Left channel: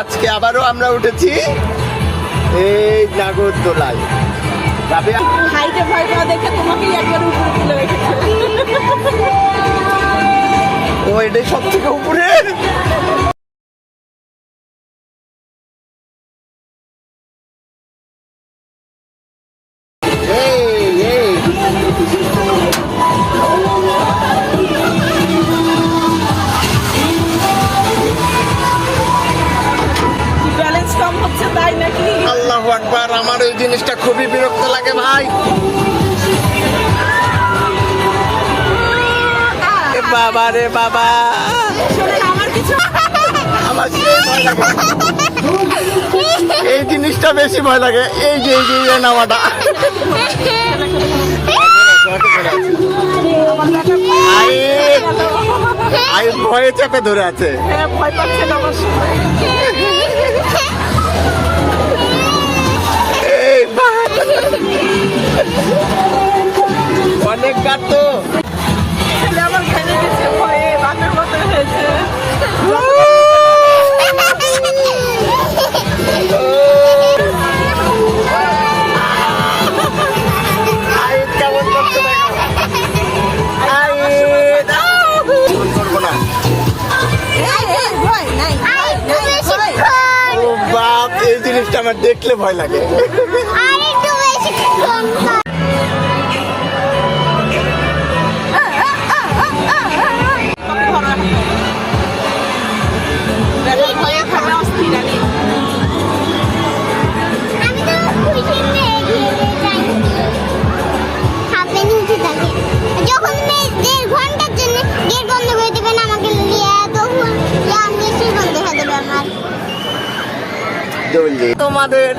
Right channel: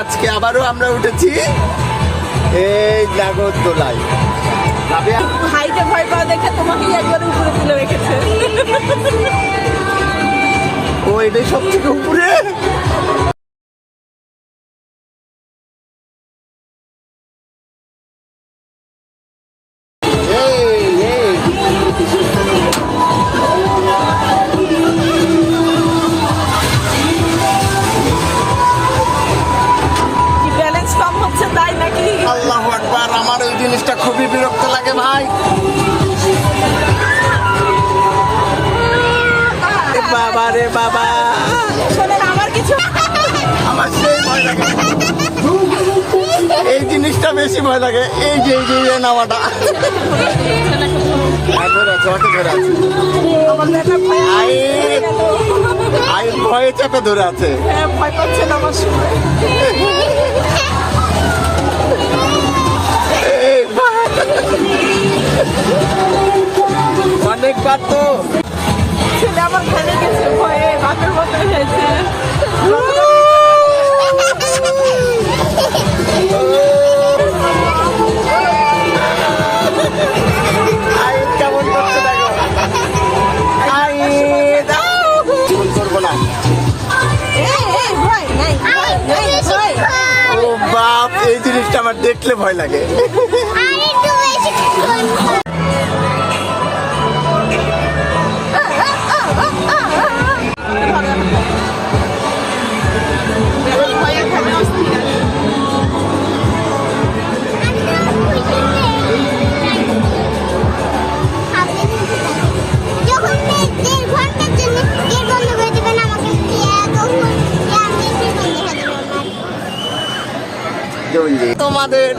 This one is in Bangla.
আজকে আবারও আমরা উঠেছি এই নাগরদোলায় যাবে? হাইটে ভয় পাওয়া দেখে তোমাকেই একবার উপরে তুলে রেখেছে। ও এটাই সব থেকে উপরে? হচ্ছে তাই নাকি? আল্লাহ আকবার আমার এই জিনিসটা খুবই বিরক্ত লাগে ভাই। বাবা রে বাবা। আমার কিছু আমার এই জিনিসটা বেশি ভয় লাগে। এই যে এই যে নামাটা। ভয় আই ভয়ে চেপে ধরে আছে। হ্যাঁ, ভয় পাচ্ছেন আমার অনেক কাট তো। ছেলে আমার ভেঙে গেছে ভয়ে বাপের মতো হয়েছে। কেমন করছে দাও। করব না? এই, এই, ভয় নাই ভয় নাই ভয়। ও বাপ এই জিনিসটা আমার দেখলে ভয় লাগে। তোমাদের